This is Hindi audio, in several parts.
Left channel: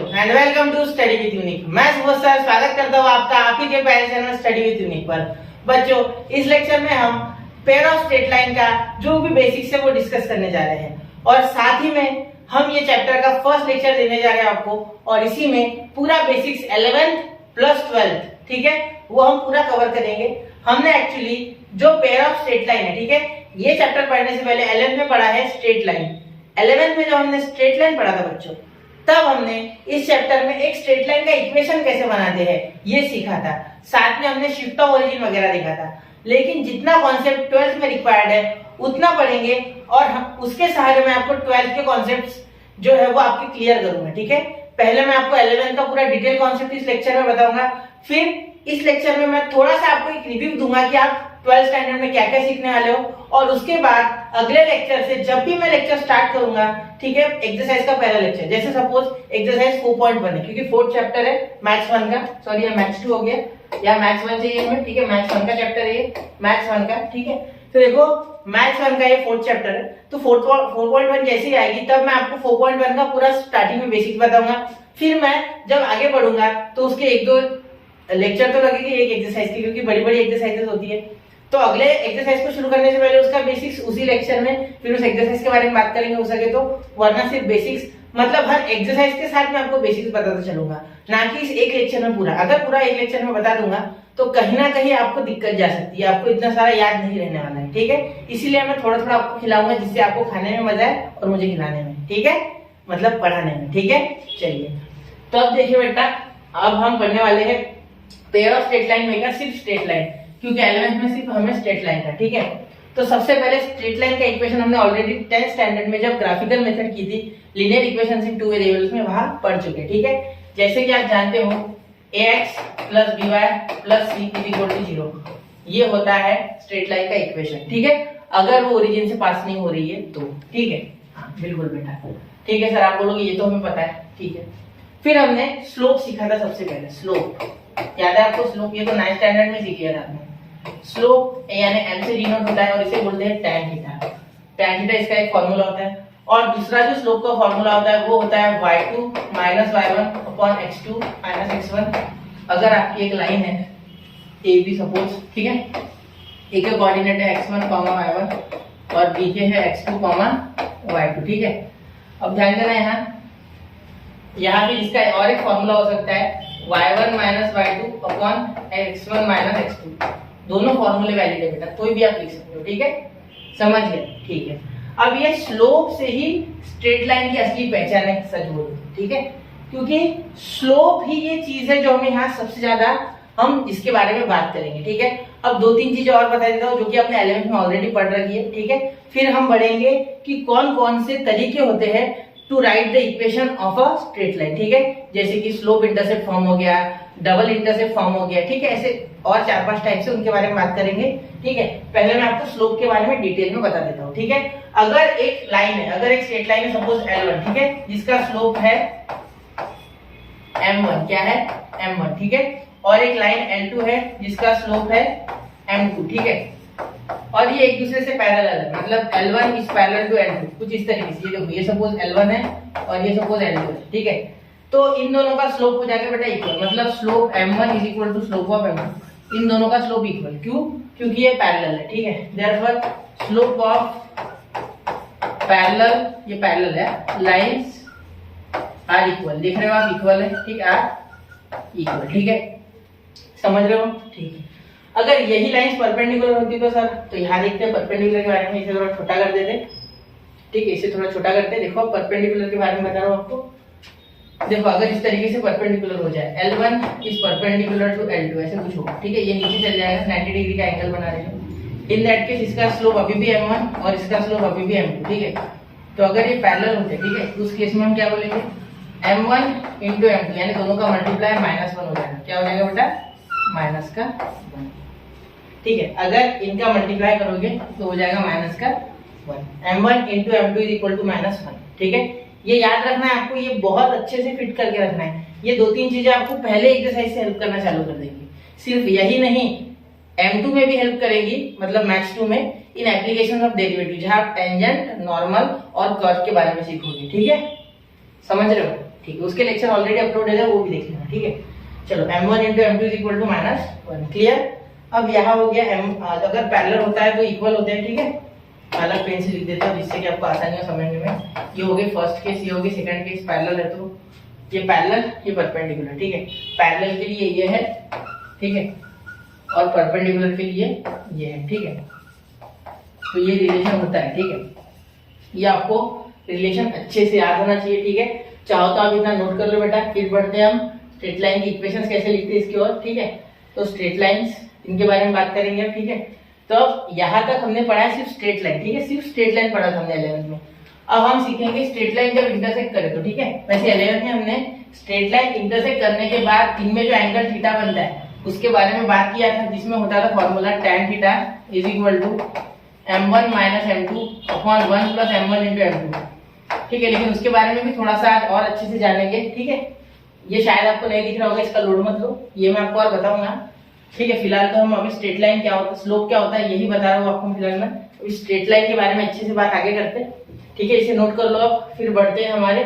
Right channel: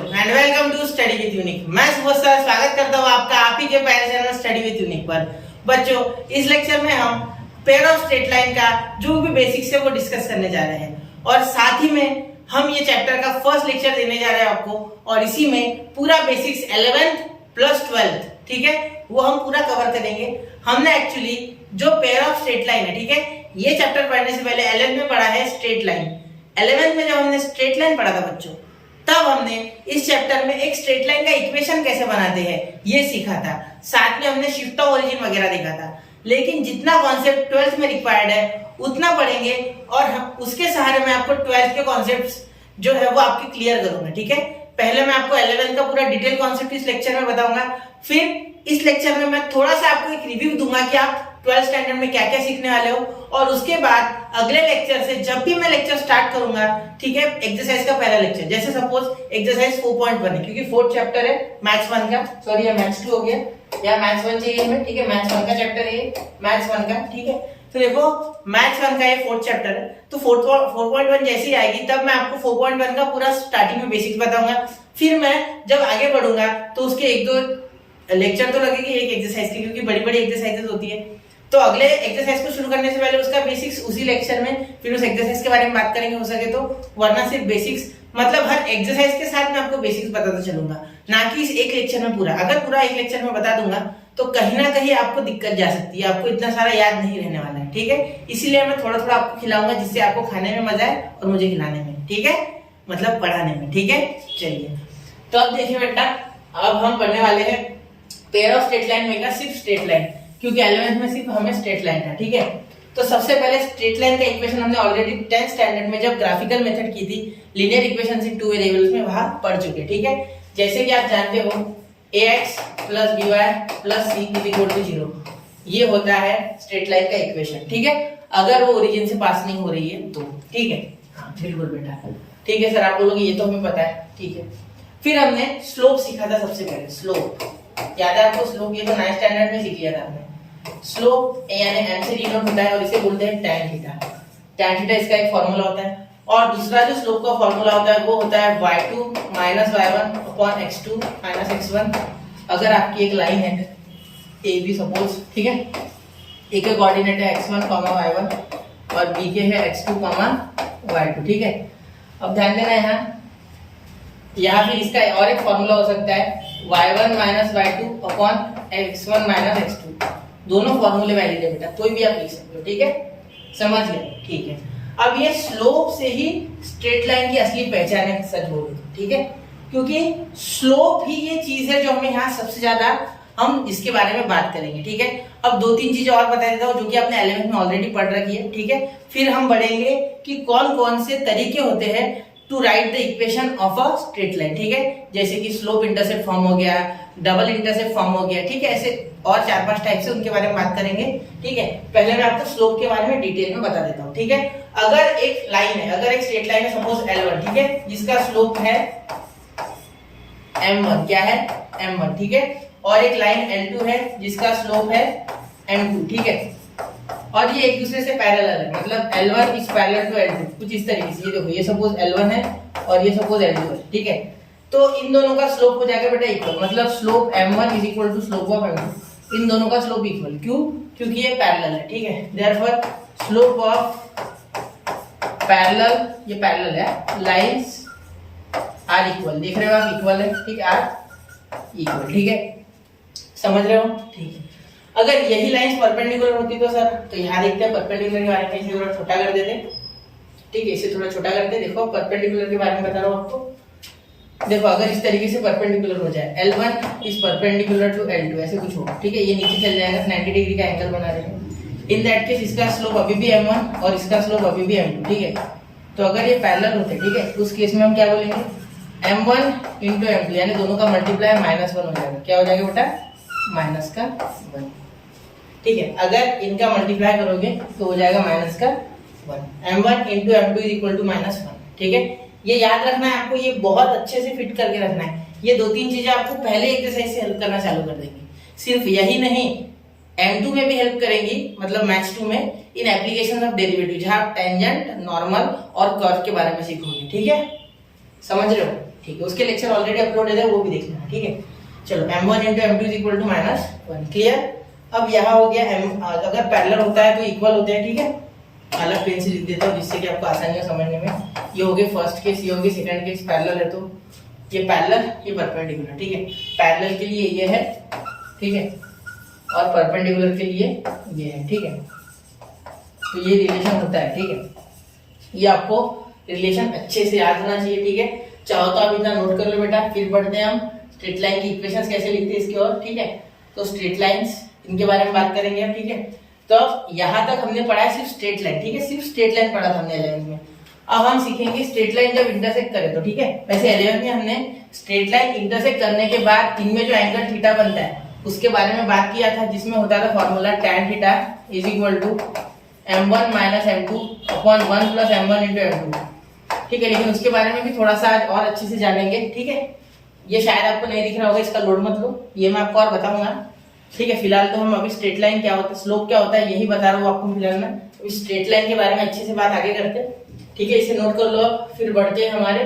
बच्चों and welcome to study with unique. मैं सुबह सर स्वागत करता हूँ आपका आप ही के प्यारे चैनल स्टडी विद यूनिक पर। बच्चों इस लेक्चर में हम पेयर ऑफ स्ट्रेट लाइन का जो भी बेसिक्स है वो डिस्कस करने जा रहे हैं और साथ ही में हम ये चैप्टर का फर्स्ट लेक्चर देने जा रहे हैं आपको और इसी में पूरा बेसिक्स 11th प्लस 12th ठीक है वो हम पूरा कवर करेंगे। हमने एक्चुअली जो पेयर ऑफ स्ट्रेट लाइन है ठीक है ये चैप्टर पढ़ने से पहले 11th में पढ़ा है स्ट्रेट लाइन। 11th में जब हमने स्ट्रेट लाइन पढ़ा था बच्चों तब हमने इस चैप्टर में एक स्ट्रेट लाइन का इक्वेशन कैसे बनाते हैं ये सीखा था, साथ में हमने शिफ्ट ऑफ ओरिजिन वगैरह देखा था। लेकिन जितना कॉन्सेप्ट 12th में रिक्वायर्ड है उतना पढ़ेंगे और उसके सहारे में आपको 12th के कॉन्सेप्ट्स जो है वो आपके क्लियर करूंगा ठीक है। पहले मैं आपको 11th का पूरा डिटेल कॉन्सेप्ट इस लेक्चर में बताऊंगा, फिर इस लेक्चर में मैं थोड़ा सा आपको एक रिव्यू दूंगा कि आप 12th स्टैंडर्ड में क्या क्या सीखने वाले हो और उसके बाद अगले लेक्चर से जब भी मैं लेक्चर स्टार्ट करूंगा ठीक है एक्सरसाइज का पहला लेक्चर, जैसे सपोज एक्सरसाइज 4.1 है क्योंकि फोर्थ चैप्टर है मैथ्स 1 का, सॉरी ये मैथ्स 2 हो गया या मैथ्स 1 चाहिए हमें ठीक है, मैथ्स 1 का चैप्टर है ये मैथ्स 1 का ठीक है। तो देखो मैथ्स 1 का ये फोर्थ चैप्टर है तो 4.1 जैसे ही आएगी तब मैं आपको 4.1 का पूरा स्टार्टिंग में बेसिक्स बताऊंगा, फिर मैं जब आगे बढ़ूंगा तो उसके एक दो लेक्चर तो लगेगी एक एक्सरसाइज की क्योंकि बड़ी बड़ी एक्सरसाइजेस होती है। तो अगले एक्सरसाइज को शुरू करने से पहले उसका बेसिक्स उसी लेक्चर में फिर उस एक्सरसाइज के बारे में बात करेंगे हो सके तो, वरना सिर्फ बेसिक्स मतलब हर एक्सरसाइज के साथ मैं आपको बेसिक्स बताता चलूंगा ना कि इस एक लेक्चर में पूरा। अगर पूरा एक लेक्चर में बता दूंगा तो कहीं ना कहीं आपको दिक्कत जा सकती है, आपको इतना सारा याद नहीं रहने वाला है ठीक है। इसीलिए मैं थोड़ा थोड़ा आपको खिलाऊंगा जिससे आपको खाने में मजा आए और मुझे खिलाने में ठीक है, मतलब पढ़ाने में ठीक है। चलिए तो अब देखिए बेटा अब हम पढ़ने वाले हैं पेयर ऑफ स्ट्रेट लाइन में का सिर्फ स्ट्रेट लाइन, क्योंकि 11th में सिर्फ हमें स्ट्रेट लाइन था ठीक है। तो सबसे पहले स्ट्रेट लाइन का इक्वेशन हमने ऑलरेडी 10th स्टैंडर्ड में जब ग्राफिकल मेथड की थी लीनियर इक्वेशंस इन टू वेरिएबल्स में वहां पढ़ चुके ठीक है। जैसे कि आप जानते हो ax plus by plus c = 0 ये होता है स्ट्रेट लाइन का इक्वेशन ठीक है, अगर वो ओरिजिन से पास नहीं हो रही है तो ठीक है। हाँ बिल्कुल बेटा ठीक है सर, आप बोलोगे ये तो हमें पता है ठीक है। फिर हमने स्लोप सीखा था सबसे पहले, स्लोप याद है आपको, स्लोप ये तो 9th स्टैंडर्ड में सीख लिया था आपने। स्लोप यानी m से डिनोट होता है और इसे बोलते हैं tan थीटा। tan थीटा इसका एक फार्मूला होता है और दूसरा जो स्लोप का फार्मूला होता है वो होता है y2 - y1 upon x2 - x1। अगर आपकी एक लाइन है AB सपोज ठीक है, A के कोऑर्डिनेट है x1, y1 और B के है x2, y2 ठीक है। अब ध्यान देना यहाँ फिर इसका और एक फार्मूला हो सकता है y1 - y2 upon x1 - x2। दोनों फार्मूले वैलिड है बेटा, कोई भी आप लिख सकते हो ठीक है, समझ गए ठीक है। अब ये स्लोप से ही स्ट्रेट लाइन की असली पहचान है सच बोलो ठीक है, क्योंकि स्लोप ही ये चीज है जो हमें यहाँ सबसे ज्यादा हम इसके बारे में बात करेंगे ठीक है। अब दो तीन चीजें और बता देता हूँ जो कि आपने 11th में ऑलरेडी पढ़ रखी है ठीक है। फिर हम बढ़ेंगे कि कौन कौन से तरीके होते हैं to write the equation of a straight line ठीक है, जैसे कि स्लोप इंटरसेप्ट फॉर्म हो गया, डबल इंटरसेप्ट फॉर्म हो गया ठीक है, ऐसे और 4-5 टाइप से उनके बारे में बात करेंगे ठीक है। पहले मैं आपको स्लोप के बारे में डिटेल में बता देता हूँ ठीक है। अगर एक लाइन है, अगर एक स्ट्रेट लाइन है सपोज L1 ठीक है, जिसका स्लोप है M1, क्या है M1 ठीक है, और एक लाइन L2 है जिसका स्लोप है M2 ठीक है, और ये एक दूसरे से पैरेलल है, मतलब L1 is parallel to L2 कुछ इस तरीके से। ये देखो ये सपोज L1 है और ये सपोज L2 है ठीक है, तो इन दोनों का स्लोप हो जाएगा बेटा इक्वल, मतलब slope M1 is equal to slope of M2, इन दोनों का स्लोप इक्वल, क्यों क्योंकि ये पैरेलल है ठीक है। देयरफॉर स्लोप ऑफ पैरेलल, ये पैरेलल है, लाइंस आर इक्वल, देख रहे हो आप इक्वल है ठीक है, आर इक्वल ठीक है, समझ रहे हो ठीक है। अगर यही लाइंस परपेंडिकुलर होती तो सर, तो यहाँ देखते हैं परपेंडिकुलर के बारे में, इसे थोड़ा छोटा कर देते ठीक है, इसे थोड़ा छोटा करते। देखो परपेंडिकुलर के बारे में बता रहा हूँ आपको, देखो अगर इस तरीके से परपेंडिकुलर हो जाए L1 is perpendicular to L2 ऐसे कुछ होगा ठीक है, ये नीचे चल जाएगा 90 डिग्री का एंगल बना रहे हैं। इन दैट केस इसका स्लोप अभी भी M1 और इसका स्लोप अभी भी M2 ठीक है। तो अगर ये पैरेलल होते ठीक है उस केस में हम क्या बोलेंगे M1 × M2 यानी दोनों का मल्टीप्लाई -1 हो जाएगा, क्या हो जाएगा बेटा -1 ठीक है। अगर इनका मल्टीप्लाई करोगे तो हो जाएगा -1, M1 × M2 = -1 ठीक है। ये याद रखना है आपको, ये बहुत अच्छे से फिट करके रखना है। ये दो तीन चीजें आपको पहले एक्सरसाइज से हेल्प करना चालू कर देंगी। सिर्फ यही नहीं M2 में भी हेल्प करेंगी, मतलब मैथ्स 2 में इन एप्लीकेशन ऑफ डेरिवेटिव, जहां आप टेंजेंट, नॉर्मल और कर्व के बारे में सीखोगे ठीक है, समझ रहे हो ठीक है, उसके लेक्चर ऑलरेडी अपलोड है, वो भी देख लेना, ठीक है। चलो m1 into m2 is equal to -1, clear. अब यहाँ हो गया m, अगर पैरेलल होता है तो इक्वल होते हैं, ठीक है। अलग पेन से लिख देता हूँ जिससे कि आपको आसानी हो समझने में। ये हो गए फर्स्ट केस, ये हो गए सेकंड केस। पैरेलल है तो ये पैरेलल, ये परपेंडिकुलर, ठीक है। पैरेलल के लिए ये है, ठीक है, और परपेंडिकुलर के लिए ये है, ठीक है। तो ये रिलेशन होता है, ठीक है। ये आपको रिलेशन अच्छे से याद होना चाहिए, ठीक है। चाहो तो आप इतना नोट कर लो बेटा। फिर बढ़ते हैं हम स्ट्रेट लाइन की इक्वेशंस कैसे लिखते हैं इसकी ओर, ठीक है। तो स्ट्रेट लाइंस, इनके बारे में बात करेंगे हम, ठीक है। तो यहाँ तक हमने पढ़ा है सिर्फ स्ट्रेट लाइन, ठीक है, सिर्फ स्ट्रेट लाइन पढ़ा था हमने 11th में। अब हम सीखेंगे स्ट्रेट लाइन जब इंटरसेक्ट करे तो, ठीक है। वैसे 11th में हमने स्ट्रेट लाइन इंटरसेक्ट करने के बाद इनमें जो एंगल थीटा बनता है उसके बारे में बात किया था, जिसमें होता था formula tan theta is equal to m1 minus m2 upon 1 plus m1 into m2, ठीक है। लेकिन उसके बारे में भी थोड़ा सा और अच्छे से जानेंगे, ठीक है। ये शायद आपको नहीं दिख रहा होगा, इसका लोड मत लो, ये मैं आपको और बताऊंगा, ठीक है। फिलहाल तो हम अभी स्ट्रेट लाइन क्या होता है, स्लोप क्या होता है, यही बता रहा हूँ आपको फिलहाल में। अभी स्ट्रेट लाइन के बारे में अच्छे से बात आगे करते हैं, ठीक है। इसे नोट कर लो आप। फिर बढ़ते हैं हमारे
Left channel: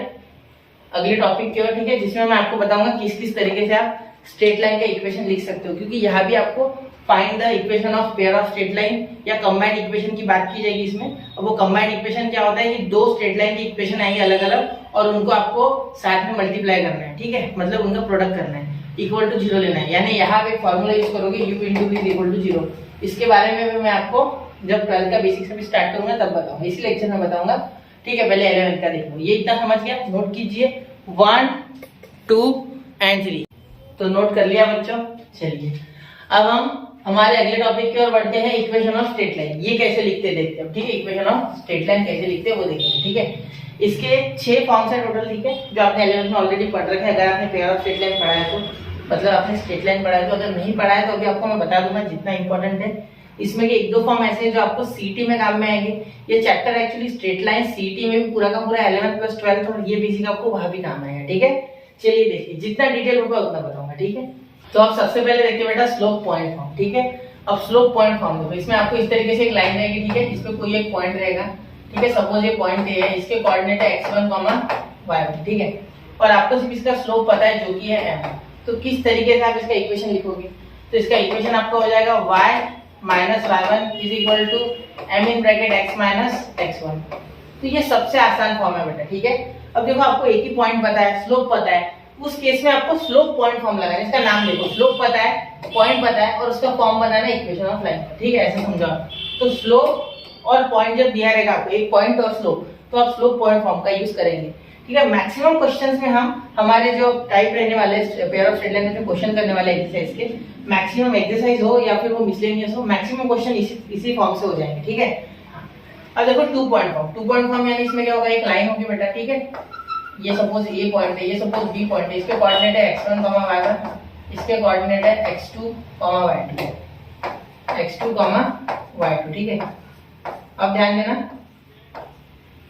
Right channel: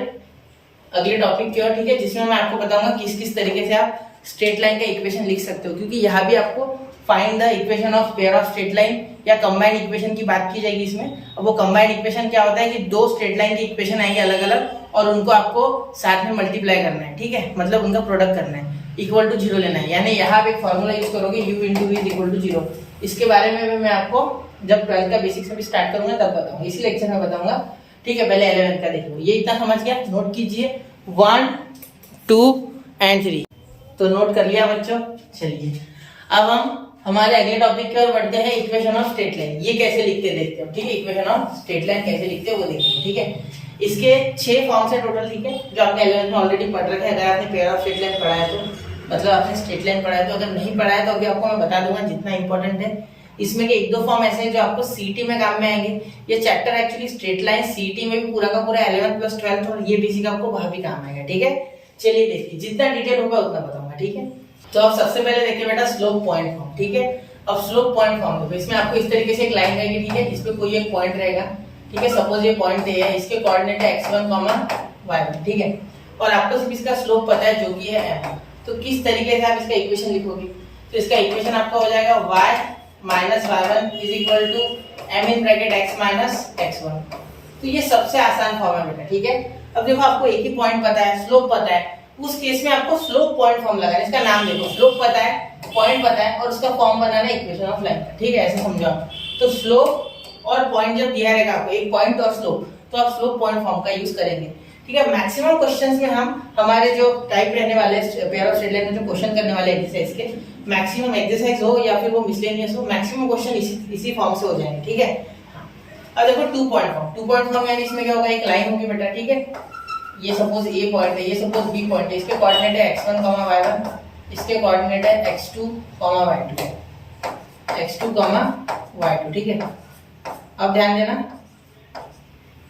अगले टॉपिक की ओर, ठीक है, जिसमें मैं आपको बताऊंगा किस किस तरीके से आप स्ट्रेट लाइन का इक्वेशन लिख सकते हो, क्योंकि यहाँ भी आपको find the equation of pair of straight line या कंबाइंड इक्वेशन की बात की जाएगी इसमें। अब वो कंबाइंड इक्वेशन क्या होता है कि दो स्ट्रेट लाइन की इक्वेशन आएगी अलग अलग और उनको आपको साथ में मल्टीप्लाई करना है, ठीक है, मतलब उनका प्रोडक्ट करना है, इक्वल टू 0 लेना है। यानी यहाँ पे एक फॉर्मूला यूज करोगे u into v is equal to 0। इसके बारे में भी मैं आपको जब 12th का बेसिक्स अभी स्टार्ट करूंगा तब बताऊंगा, इसी लेक्चर में बताऊंगा, ठीक है। पहले 11th का देख लो, ये इतना समझ गया, नोट कीजिए 1 2 एंड 3, तो नोट कर लिया बच्चों। चलिए अब हम हमारे अगले टॉपिक की ओर बढ़ते हैं, इक्वेशन ऑफ स्ट्रेट लाइन। ये कैसे लिखते हैं देखते हैं, ठीक है। इक्वेशन ऑफ स्ट्रेट लाइन कैसे लिखते हैं वो देखेंगे, ठीक है। इसके 6 फॉर्म्स है टोटल, ठीक है, जो आपने 11th में ऑलरेडी पढ़ रखा है। अगर आपने पेयर ऑफ स्ट्रेट लाइन पढ़ा है तो मतलब आपने स्ट्रेट लाइन पढ़ा है, तो अगर नहीं पढ़ा है तो अभी आपको मैं बता दूंगा जितना इंपॉर्टेंट है। इसमें के 1-2 फॉर्म ऐसे हैं जो आपको सीटी में काम में आएंगे। ये चैप्टर एक्चुअली स्ट्रेट लाइन सीटी में भी पूरा का पूरा 11th प्लस 12th और ये बेसिक आपको वहां भी काम आएगा, ठीक है। चलिए देखिए, जितना डिटेल होगा उतना बताऊंगा, ठीक है। तो आप सबसे पहले देखिए बेटा स्लोप पॉइंट फॉर्म, ठीक है। अब स्लोप पॉइंट फॉर्म देखो, इसमें आपको इस तरीके से एक लाइन रहेगी, ठीक है, जिसमें कोई एक पॉइंट रहेगा, ठीक है। सपोज ये पॉइंट ए है, इसके कोऑर्डिनेट है x1, y1, ठीक है। और आपको सिर्फ इसका स्लोप पता है जो कि है m। तो किस तरीके से आप इसका इक्वेशन लिखोगे, तो इसका इक्वेशन आपका हो जाएगा y minus y1 is equal to m in bracket x minus x1। तो ये सबसे आसान फॉर्म है बेटा, ठीक है। अब देखो आपको एक ही पॉइंट पता है, स्लोप पता है, उस केस में आपको स्लोप पॉइंट फॉर्म लगाना है। इसका नाम देखो, स्लोप पता है, पॉइंट पता है और उसका फॉर्म बनाना है इक्वेशन ऑफ लाइन का, ठीक है, ऐसे समझो। तो स्लोप और पॉइंट जब दिया रहेगा आपको, एक पॉइंट और स्लोप, तो आप स्लोप पॉइंट फॉर्म का यूज करेंगे, ठीक है। मैक्सिमम क्वेश्चंस में हम हमारे जो टाइप रहने वाले पेयर ऑफ स्ट्रेट लाइन में जो क्वेश्चन करने वाले एक्सरसाइज के, मैक्सिमम एक्सरसाइज हो या फिर वो मिसलेनियस हो, मैक्सिमम क्वेश्चन इसी फॉर्म से हो जाएंगे, ठीक है। अब देखो 2 पॉइंट फॉर्म, 2 पॉइंट फॉर्म यानी इसमें क्या होगा, एक लाइन होगी बेटा, ठीक है। ये सपोज ए पॉइंट है, ये सपोज बी पॉइंट है, इसके कोऑर्डिनेट है x1, y1, इसके कोऑर्डिनेट है x2, y2, x2, y2, ठीक है। अब ध्यान देना,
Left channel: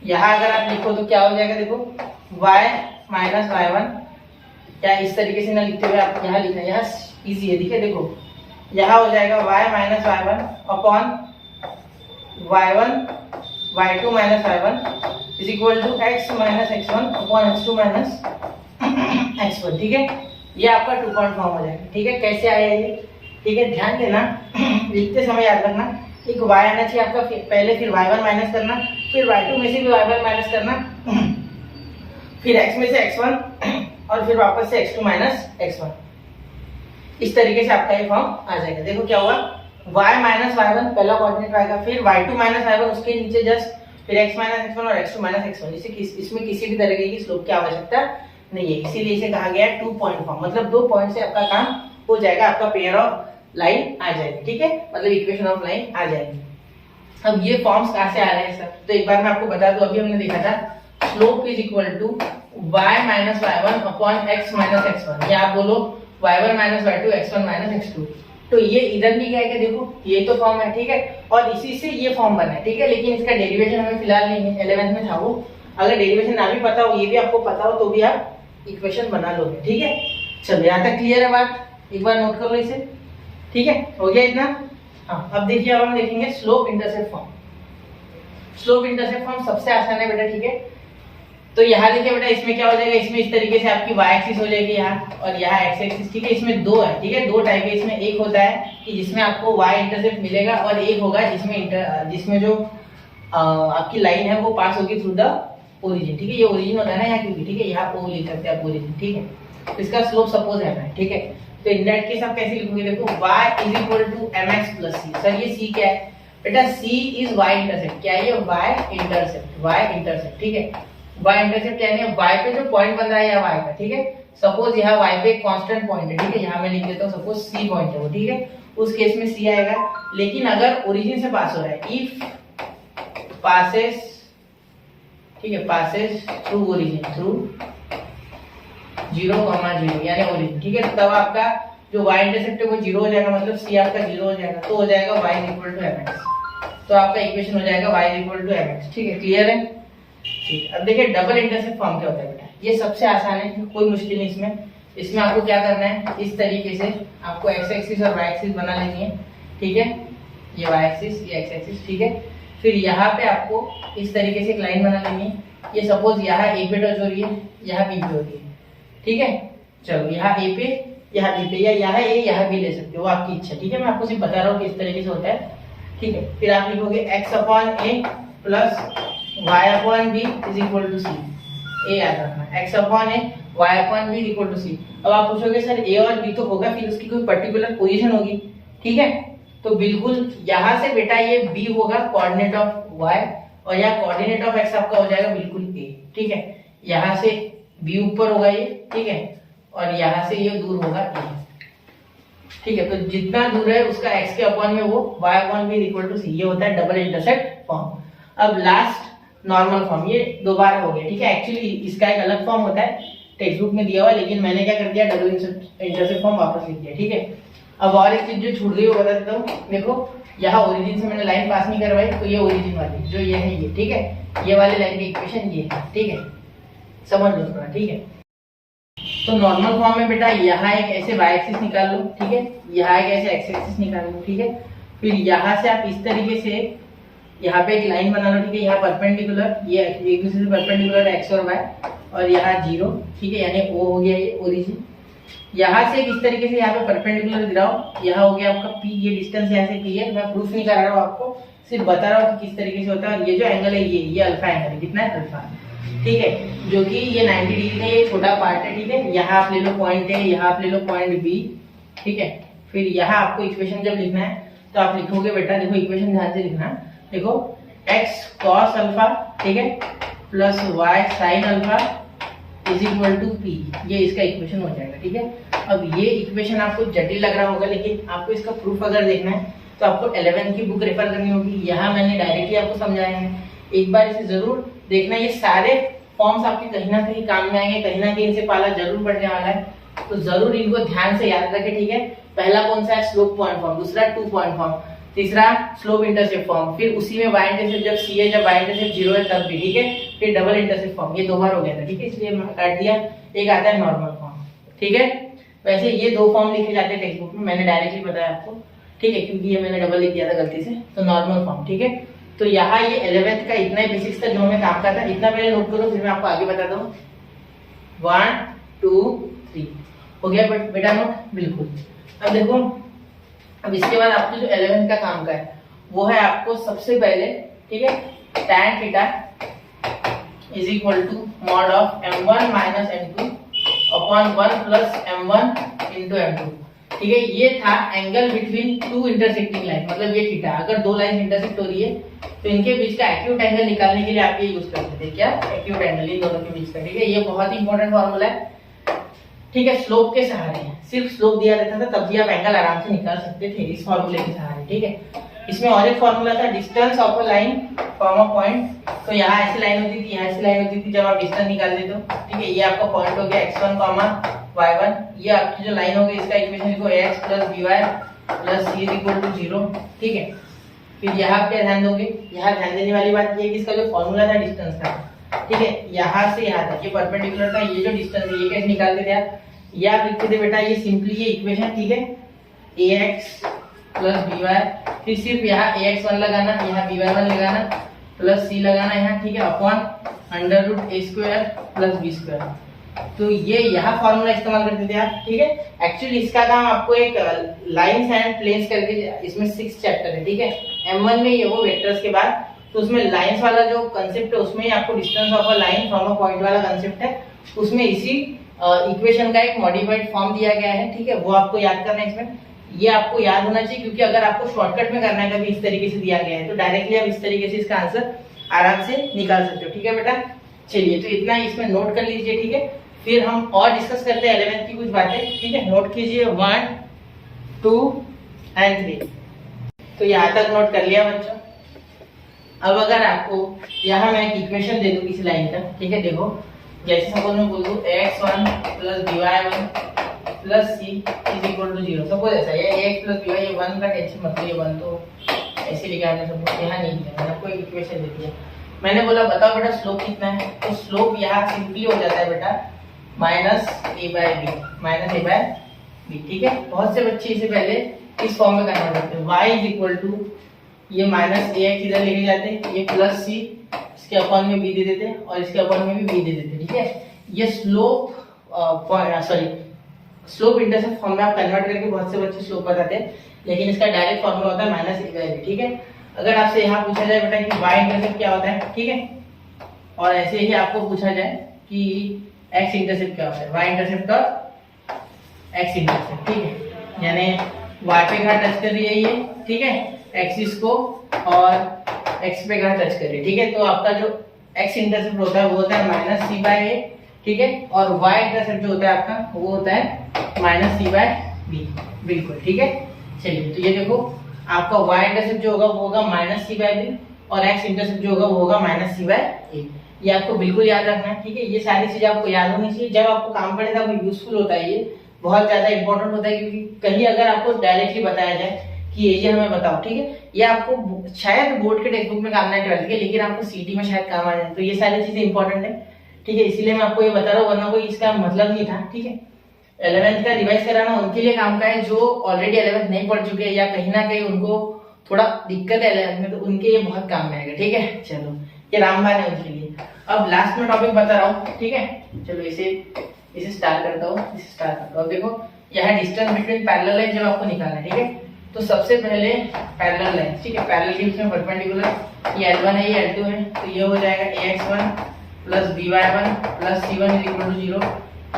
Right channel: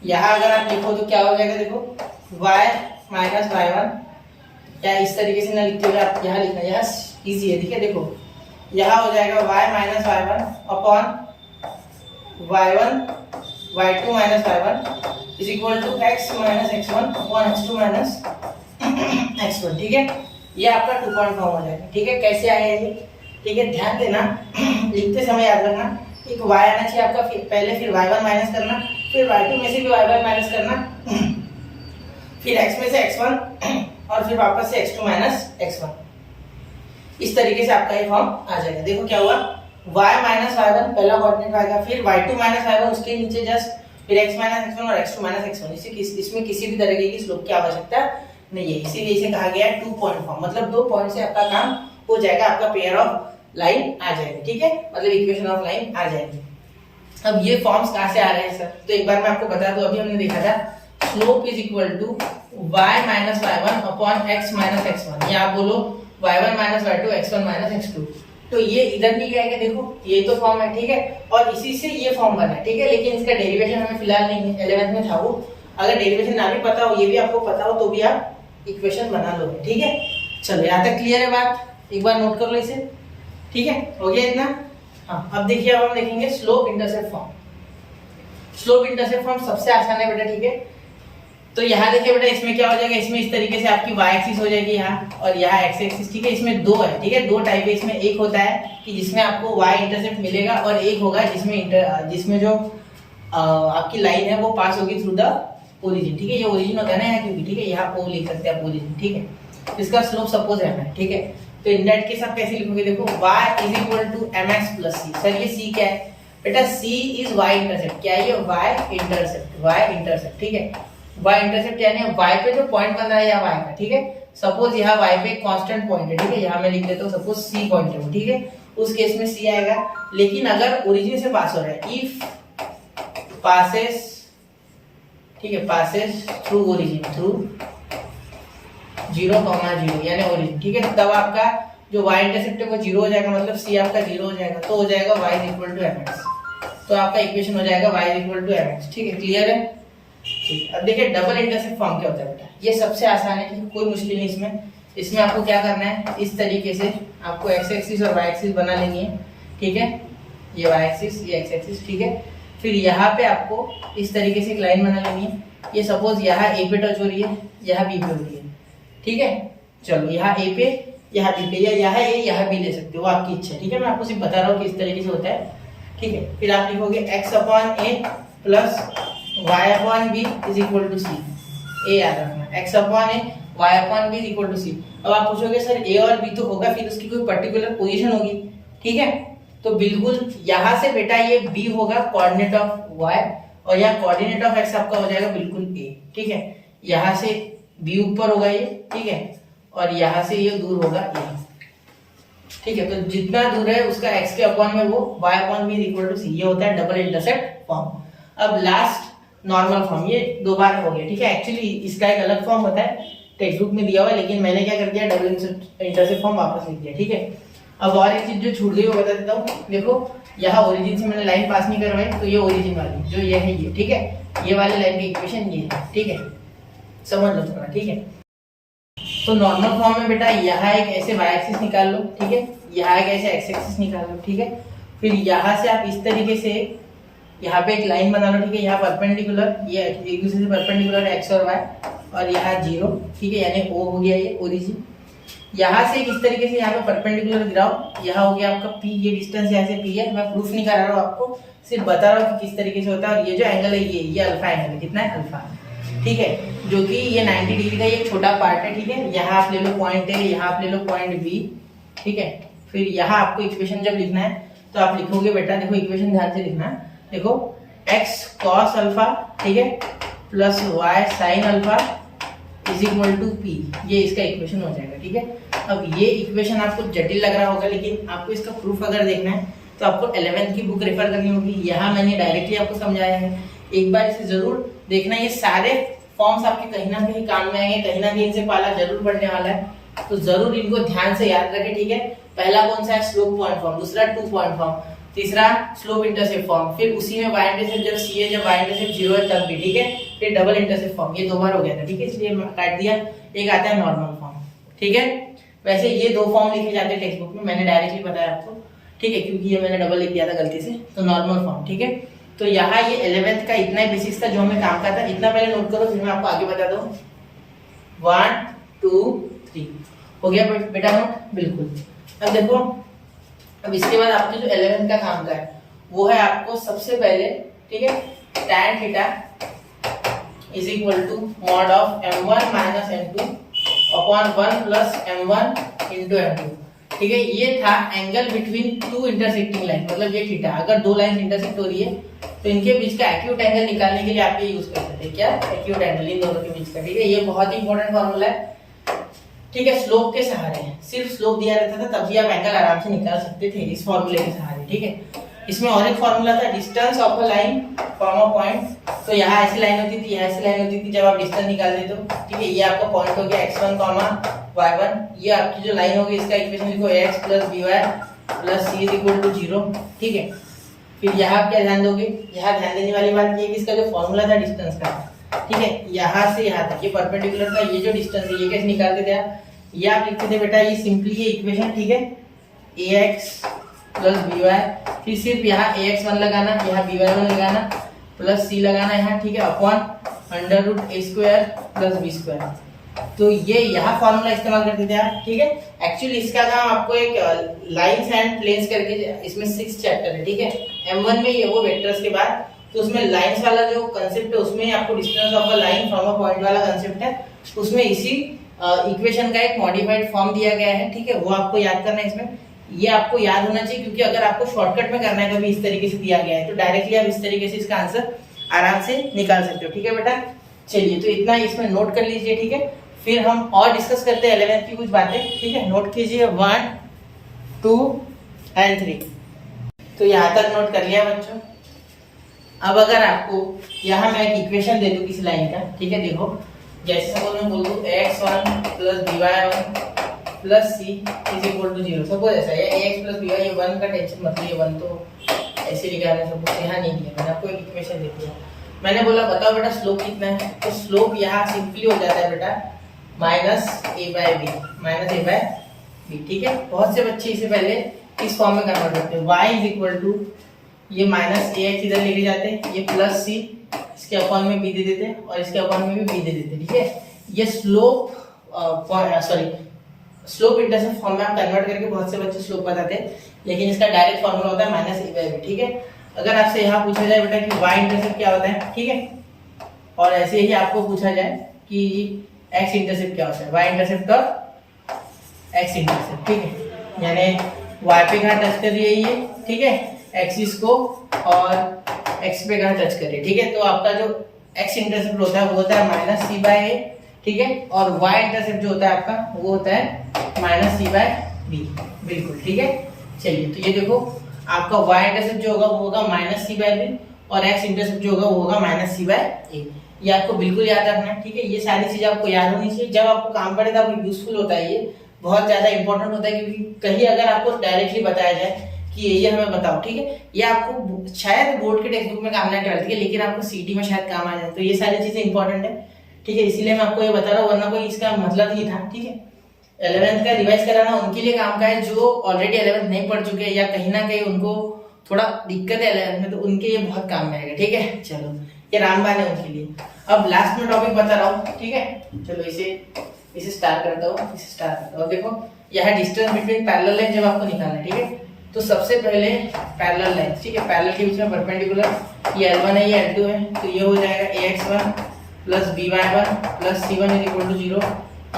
यहाँ अगर आप लिखो तो क्या हो जाएगा, देखो y माइनस y1, या इस तरीके से ना लिखते हुए आप यहाँ लिखना, यहाँ इजी है, ठीक है। देखो यहाँ हो जाएगा y minus y1 upon y1 y2 minus y1 is equal to x minus x1 upon x2 minus x1, ठीक है। ये आपका 2 पॉइंट फॉर्म हो जाएगा, ठीक है। कैसे आया ये, ठीक है, ध्यान देना, लिखते समय याद रखना, एक y आना चाहिए आपका, पहले फिर y1 माइनस करना, फिर y2 में से भी y1 माइनस करना, फिर x में से x1 और फिर वापस से x2 माइनस x1। इस तरीके से आपका ये फॉर्म आ जाएगा। देखो क्या हुआ, y माइनस y1 पहला कोऑर्डिनेट आएगा, फिर y2 माइनस y1 उसके नीचे जस्ट, फिर x माइनस x1 और x2 माइनस x1। इसमें किसी भी तरीके की स्लोप की आवश्यकता नहीं है, इसीलिए इसे कहा गया है 2 पॉइंट फॉर्म। मतलब 2 पॉइंट से आपका काम हो जाएगा, आपका पेयर ऑफ लाइन आ जाएगी, ठीक है, मतलब इक्वेशन ऑफ लाइन आ जाएगी। अब ये फॉर्म्स कहाँ से आ रहे हैं सर, तो एक बार मैं आपको बता दूं, अभी हमने देखा था slope is equal to y minus y1 upon x minus x1, या आप बोलो y1 minus y2 x1 minus x2। तो ये इधर भी क्या है, देखो ये तो फॉर्म है, ठीक है, और इसी से ये फॉर्म बना है, ठीक है। लेकिन इसका डेरिवेशन हमें फिलहाल नहीं है, 11th में था वो। अगर डेरिवेशन ना भी पता हो, ये भी आपको पता हो, तो भी आप इक्वेशन बना लोगे, ठीक है। चलो यहाँ तक क्लियर है बात, एक बार नोट कर लो इसे, ठीक है, हो गया इतना। हाँ, अब देखिए, अब हम देखेंगे slope intercept form. Slope intercept form सबसे आसान है बेटा, ठीक है। तो यहाँ देखिए बेटा, इसमें क्या हो जाएगा, इसमें इस तरीके से आपकी y एक्सिस हो जाएगी यहाँ, और यहाँ x एक्सिस, ठीक है। इसमें दो है, ठीक है, दो टाइप है इसमें। एक होता है कि जिसमें आपको y इंटरसेप्ट मिलेगा, और एक होगा जिसमें जो आपकी लाइन है वो पास होगी थ्रू द ओरिजिन, ठीक है। ये ओरिजिन होता है ना यहाँ, क्योंकि ठीक है, यहाँ ओ लिख सकते हैं आप ओरिजिन, ठीक है। तो इसका स्लोप सपोज है, ठीक है। तो इन दैट केस आप कैसे लिखोगे, देखो y is equal to mx plus c। Sir ये c क्या है बेटा, c इज y इंटरसेप्ट। क्या है ये, y इंटरसेप्ट, ठीक है। y इंटरसेप्ट यानी y पे जो पॉइंट बन रहा है या y का, ठीक है। सपोज यहाँ y पे एक कांस्टेंट पॉइंट है, ठीक है, यहाँ मैं लिख देता हूँ सपोज c पॉइंट है वो, ठीक है। उस केस में c आएगा। लेकिन अगर ओरिजिन से पास हो रहा है, इफ पासेस, ठीक है, पासेस थ्रू ओरिजिन, थ्रू 0, 0 यानी ओरिजिन, ठीक है, तब आपका जो y इंटरसेप्ट है वो 0 हो जाएगा, मतलब c आपका 0 हो जाएगा। तो हो जाएगा y इक्वल टू mx। तो आपका इक्वेशन हो जाएगा y इक्वल टू mx, ठीक है। क्लियर है, ठीक है। अब देखिए डबल इंटरसेप्ट फॉर्म क्या होता है बेटा, ये सबसे आसान है, ठीक है, कोई मुश्किल नहीं इसमें। इसमें आपको क्या करना है, इस तरीके से आपको x एक्सिस और y एक्सिस बना लेनी है, ठीक है। ये y एक्सिस, ये x एक्सिस, ठीक है। फिर यहाँ पे आपको इस तरीके से एक लाइन बना लेनी है। ये सपोज यहाँ a पे टच हो रही है, यहाँ b पे हो रही है, ठीक है। चलो यहाँ a पे, यहाँ b पे, या यहाँ a यहाँ b ले सकते हो, आपकी इच्छा, ठीक है। मैं आपको सिर्फ बता रहा हूँ कि इस तरीके से होता है, ठीक है। फिर आप लिखोगे x upon a plus y upon b is equal to c। a याद रखना, x upon a y upon b is equal to c। अब आप पूछोगे सर a और b तो होगा, फिर उसकी कोई पर्टिकुलर पोजीशन होगी, ठीक है। तो बिल्कुल यहाँ से बेटा ये b होगा कोऑर्डिनेट ऑफ y, और यहाँ कोऑर्डिनेट ऑफ x आपका हो जाएगा बिल्कुल a, ठीक है। यहाँ से b ऊपर होगा ये, ठीक है, और यहाँ से ये दूर होगा a, ठीक है। तो जितना दूर है उसका x के अपॉन में वो y upon b equal to c। ये होता है डबल इंटरसेप्ट फॉर्म। अब लास्ट नॉर्मल फॉर्म, ये दो बार हो गया, ठीक है। एक्चुअली इसका एक अलग फॉर्म होता है, टेक्स्ट बुक में दिया हुआ, लेकिन मैंने क्या कर दिया, डबल इंटरसेप्ट फॉर्म वापस लिख दिया, ठीक है। अब और एक चीज जो छूट गई वो बता देता हूँ। देखो यहाँ ओरिजिन से मैंने लाइन पास नहीं करवाई, तो ये ओरिजिन वाली जो ये है ये, ठीक है, ये वाली लाइन की इक्वेशन ये है, ठीक है, समझ लो थोड़ा, ठीक है। तो नॉर्मल फॉर्म में बेटा यहाँ एक ऐसे y एक्सिस निकाल लो, ठीक है, यहाँ एक ऐसे x एक्सिस निकाल लो, ठीक है। फिर यहाँ से आप इस तरीके से यहाँ पे एक लाइन बना लो, ठीक है, यहाँ परपेंडिकुलर, ये एक दूसरे से परपेंडिकुलर x और y, और यहाँ 0, ठीक है, यानी o हो गया ये ओरिजिन। यहाँ से इस तरीके से यहाँ पे परपेंडिकुलर गिराओ, यहाँ हो गया आपका p, ये डिस्टेंस यहाँ से p है। मैं प्रूफ नहीं करा रहा हूँ आपको, सिर्फ बता रहा हूँ कि किस तरीके से होता है। और ये जो एंगल है ये अल्फा एंगल है, कितना है, अल्फा, ठीक है, जो कि ये 90 डिग्री का ये छोटा पार्ट है, ठीक है। यहाँ आप ले लो पॉइंट है, यहाँ आप ले लो पॉइंट बी, ठीक है। फिर यहाँ आपको इक्वेशन जब लिखना है तो आप लिखोगे बेटा, देखो इक्वेशन ध्यान से लिखना है, देखो x cos अल्फा, ठीक है, plus y sin alpha is equal to p। ये इसका इक्वेशन हो जाएगा, ठीक है। अब ये इक्वेशन आपको जटिल लग रहा होगा, लेकिन आपको इसका प्रूफ अगर देखना है तो आपको 11th की बुक रेफर करनी होगी। यहाँ मैंने डायरेक्टली आपको समझाया है, एक बार इसे जरूर देखना। ये सारे फॉर्म्स आपके कहीं ना कहीं काम में आएंगे, कहीं ना कहीं इनसे पाला जरूर पड़ने वाला है, तो जरूर इनको ध्यान से याद रखें, ठीक है। पहला कौन सा है, स्लोप पॉइंट फॉर्म, दूसरा 2 पॉइंट फॉर्म, तीसरा स्लोप इंटरसेप्ट फॉर्म, फिर उसी में y इंटरसेप्ट जब c है, जब y इंटरसेप्ट 0 है तब भी, ठीक है। फिर डबल इंटरसेप्ट फॉर्म, ये 2 बार हो गया था, ठीक है, इसलिए काट दिया। एक आता है नॉर्मल फॉर्म, ठीक है। वैसे ये 2 फॉर्म लिखे जाते हैं टेक्स्ट बुक में, मैंने डायरेक्टली बताया आपको, ठीक है, क्योंकि ये मैंने डबल लिख दिया था गलती से। तो नॉर्मल फॉर्म, ठीक है। तो यहाँ ये 11th का इतना ही बेसिक्स था जो हमें काम का था, इतना पहले नोट करो, फिर मैं आपको आगे बताता हूँ। 1 2 3 हो गया बेटा नोट, बिल्कुल। अब देखो, अब इसके बाद आपको जो 11th का काम का है वो है आपको सबसे पहले, ठीक है, tan theta is equal to mod of m1 minus m2 upon 1 plus m1 into m2, ठीक है। ये था एंगल बिटवीन 2 इंटरसेक्टिंग लाइन, मतलब ये थीटा, अगर 2 लाइन इंटरसेक्ट हो रही है तो इनके बीच का एक्यूट एंगल निकालने के लिए आप ये यूज करते थे, क्या, एक्यूट एंगल इन दोनों के बीच का, ठीक है। ये बहुत ही इंपॉर्टेंट फॉर्मूला है, ठीक है। स्लोप के सहारे, सिर्फ स्लोप दिया रहता था तब भी आप एंगल आराम से निकाल सकते थे इस फॉर्मूले के सहारे, ठीक है। इसमें और एक फॉर्मूला था, distance of a line from a point. तो यहाँ ऐसी लाइन होती थी, यहाँ ऐसी लाइन होती थी, जब आप डिस्टेंस निकाल देते हो, ठीक है। ये आपका पॉइंट हो गया x1, y1, ये आपकी जो लाइन होगी इसका इक्वेशन लिखो ax plus by plus c is equal to 0, ठीक है। फिर यहाँ आप क्या ध्यान दोगे, यहाँ ध्यान देने वाली बात ये है कि इसका जो फॉर्मूला था डिस्टेंस का, ठीक है, यहाँ से यहाँ तक ये परपेंडिकुलर था, ये जो डिस्टेंस है ये कैसे निकालते थे आप, ये आप लिखते थे बेटा, ये सिंपली ये इक्वेशन, ठीक है, ax प्लस by, फिर सिर्फ यहाँ ax1 लगाना, यहाँ by1 लगाना, प्लस c लगाना यहाँ, ठीक है, अपॉन अंडर रूट ए स्क्वायर प्लस बी स्क्वायर। तो ये यहाँ फॉर्मूला इस्तेमाल करते थे आप, ठीक है। एक्चुअली इसका काम आपको एक लाइंस एंड प्लेन्स करके, इसमें 6 चैप्टर है, ठीक है। M1 में ये वो वेक्टर्स के बाद, तो उसमें लाइंस वाला जो कंसेप्ट है उसमें ही आपको distance of a line from a point वाला कंसेप्ट है, उसमें इसी इक्वेशन का एक मॉडिफाइड फॉर्म दिया गया है, ठीक है। वो आपको याद करना है। इसमें ये आपको याद होना चाहिए, क्योंकि अगर आपको शॉर्टकट में करना है कभी इस तरीके से दिया गया है तो डायरेक्टली आप इस तरीके से इसका आंसर आराम से निकाल सकते हो, ठीक है बेटा। चलिए, तो इतना इसमें नोट कर लीजिए, ठीक है। फिर हम और डिस्कस करते हैं 11th की कुछ बातें, ठीक है। नोट कीजिए 1, 2 एंड 3। तो यहाँ तक नोट कर लिया बच्चों। अब अगर आपको यहाँ मैं एक इक्वेशन दे दूँ किसी लाइन का, ठीक है। देखो, जैसे सपोज मैं बोल दूँ x1 plus by1 plus c is equal to 0। Suppose ऐसा है, ax प्लस by, ये 1 का टेंशन मत लो, ये 1 तो ऐसे लिखा है। सपोज यहाँ नहीं दिया, मैंने आपको एक इक्वेशन दे दिया। मैंने बोला बताओ बेटा स्लोप कितना है, तो स्लोप यहाँ सिंपली हो जाता है बेटा माइनस a बाय बी, ठीक है। बहुत से बच्चे इसे पहले इस फॉर्म में कन्वर्ट करते हैं, y इज इक्वल टू ये माइनस ax इधर लेके जाते हैं, ये प्लस c इसके अपॉन में b दे देते हैं और इसके अपॉन में भी b दे देते हैं, ठीक है। ये स्लोप इंटरसेप्ट फॉर्म में आप कन्वर्ट करके बहुत से बच्चे स्लोप बताते हैं, लेकिन इसका डायरेक्ट फॉर्मूला होता है माइनस a बाय बी, ठीक है। अगर आपसे यहाँ पूछा जाए बेटा कि y इंटरसेप्ट क्या होता है, ठीक है, और ऐसे ही आपको पूछा जाए कि x इंटरसेप्ट क्या होता है, y इंटरसेप्ट और x इंटरसेप्ट, ठीक है। यानी y पे कहाँ टच कर रही है ये, ठीक है, एक्सिस को, और x पे कहाँ टच कर रही है, ठीक है। तो आपका जो x इंटरसेप्ट होता है वो होता है माइनस c बाय a, ठीक है, और y इंटरसेप्ट जो होता है आपका वो होता है माइनस c बाय b, बिल्कुल, ठीक है। चलिए, तो ये देखो आपका y इंटरसेप्ट जो होगा वो होगा माइनस c बाय b, और x इंटरसेप्ट जो होगा वो होगा माइनस c बाय a। ये आपको बिल्कुल याद रखना है, ठीक है। ये सारी चीजें आपको याद होनी चाहिए, जब आपको काम पड़े तब यूजफुल होता है, ये बहुत ज्यादा इंपॉर्टेंट होता है, क्योंकि कहीं अगर आपको डायरेक्टली बताया जाए कि ये हमें बताओ, ठीक है, ये आपको शायद बोर्ड के टेक्स्ट बुक में काम नहीं करती है, लेकिन आपको सीटी में शायद काम आ जाए, तो ये सारी चीजें इंपॉर्टेंट है, ठीक है। इसीलिए मैं आपको ये बता रहा हूँ, वरना कोई इसका मतलब नहीं था, ठीक है। 11th का रिवाइज कराना उनके लिए काम का है जो ऑलरेडी 11th नहीं पढ़ चुके हैं, या कहीं ना कहीं उनको थोड़ा दिक्कत है 11th में, तो उनके ये बहुत काम में आएगा, ठीक है। चलो, ये रामबान है उनके लिए। अब लास्ट में टॉपिक बता रहा हूँ, ठीक है। चलो, इसे स्टार्ट करता हूँ। अब देखो, यहाँ डिस्टेंस बिटवीन पैरेलल लाइन जब आपको निकालना है, ठीक है, तो सबसे पहले पैरेलल लाइन, ठीक है, पैरेलल के बीच में परपेंडिकुलर, ये L1 है, ये L2 है, तो ये हो जाएगा ax1 plus by1 plus c1 is equal to 0।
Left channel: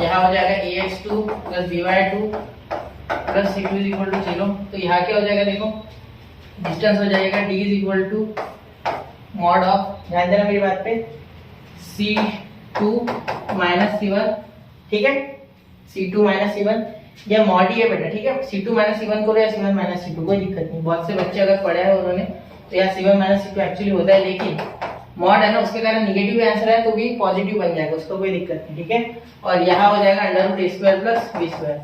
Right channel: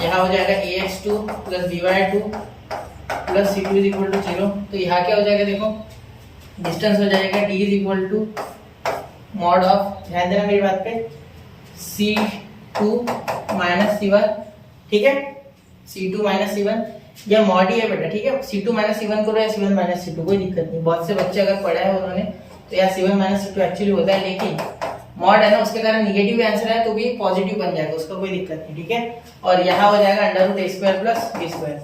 यहाँ हो जाएगा ax2 plus by2 plus c2 is equal to 0। तो यहाँ क्या हो जाएगा, देखो डिस्टेंस हो जाएगा d is equal to mod of, ध्यान देना मेरी बात पे, c2 माइनस c1, ठीक है, c2 माइनस c1, ये मॉड ही है बेटा, ठीक है। c2 माइनस c1 करो या c1 माइनस c2, कोई दिक्कत नहीं। बहुत से बच्चे अगर पढ़े हैं उन्होंने, तो यहाँ c1 माइनस c2 एक्चुअली होता है, लेकिन मॉड है ना, उसके कारण निगेटिव आंसर है तो भी पॉजिटिव बन जाएगा, उसका कोई दिक्कत नहीं, ठीक है। और यहाँ हो जाएगा under root a square plus b square.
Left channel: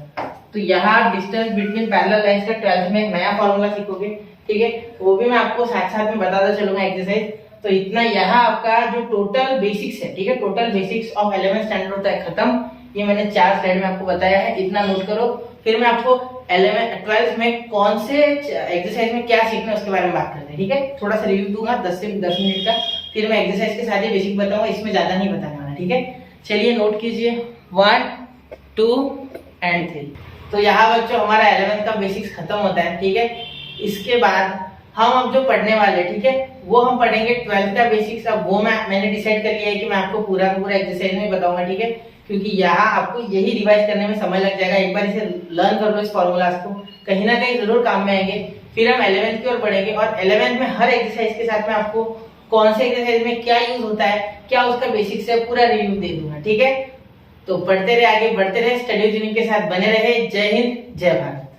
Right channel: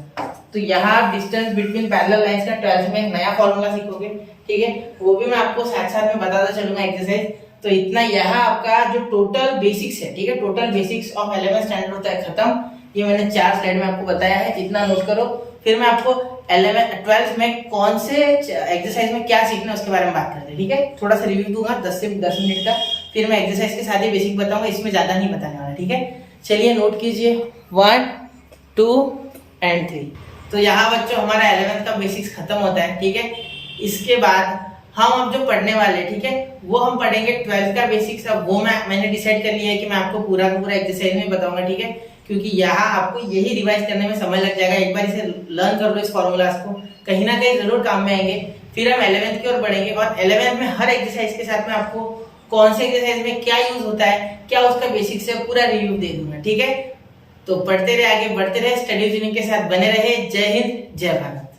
तो यहाँ डिस्टेंस बिटवीन पैरेलल लाइंस का 12th में एक नया फॉर्मूला सीखोगे, ठीक है, वो भी मैं आपको साथ साथ में बताता चलूंगा एक्सरसाइज। तो इतना यहाँ आपका जो टोटल बेसिक्स है, ठीक है, total basics of 11th standard होता है खत्म। ये मैंने 4 स्लाइड में आपको बताया है, इतना नोट करो। फिर मैं आपको 12th में कौन से एक्सरसाइज में क्या सीखना है उसके बारे में बात करते हैं, ठीक है। थोड़ा सा रिव्यू दूंगा 10 से 10 मिनट का, फिर मैं एक्सरसाइज के साथ ही बेसिक बताऊंगा, इसमें ज्यादा नहीं बताने वाला, ठीक है। चलिए, नोट कीजिए 1, 2 एंड 3। तो यहाँ बच्चों हमारा 11th का बेसिक्स खत्म होता है, ठीक है। इसके बाद हम अब जो पढ़ने वाले, ठीक है, वो हम पढ़ेंगे 12th का बेसिक्स। अब वो मैंने डिसाइड कर लिया है कि मैं आपको पूरा का पूरा एक्सरसाइज में बताऊंगा, ठीक है, क्योंकि यहाँ आपको यही रिवाइज करने में समय लग जाएगा। एक बार इसे लर्न कर लो, इस फॉर्मूलाज को, कहीं ना कहीं जरूर काम में आएंगे। फिर हम 11th की ओर बढ़ेंगे, और 11th में हर एक्सरसाइज के साथ में आपको कौन से एक्सरसाइज में क्या यूज होता है, क्या उसका बेसिक्स है, पूरा रिव्यू दे दूंगा, ठीक है। तो पढ़ते रहे, आगे बढ़ते रहे, स्टडी ट्यूनिंग के साथ बने रहे। जय हिंद, जय भारत।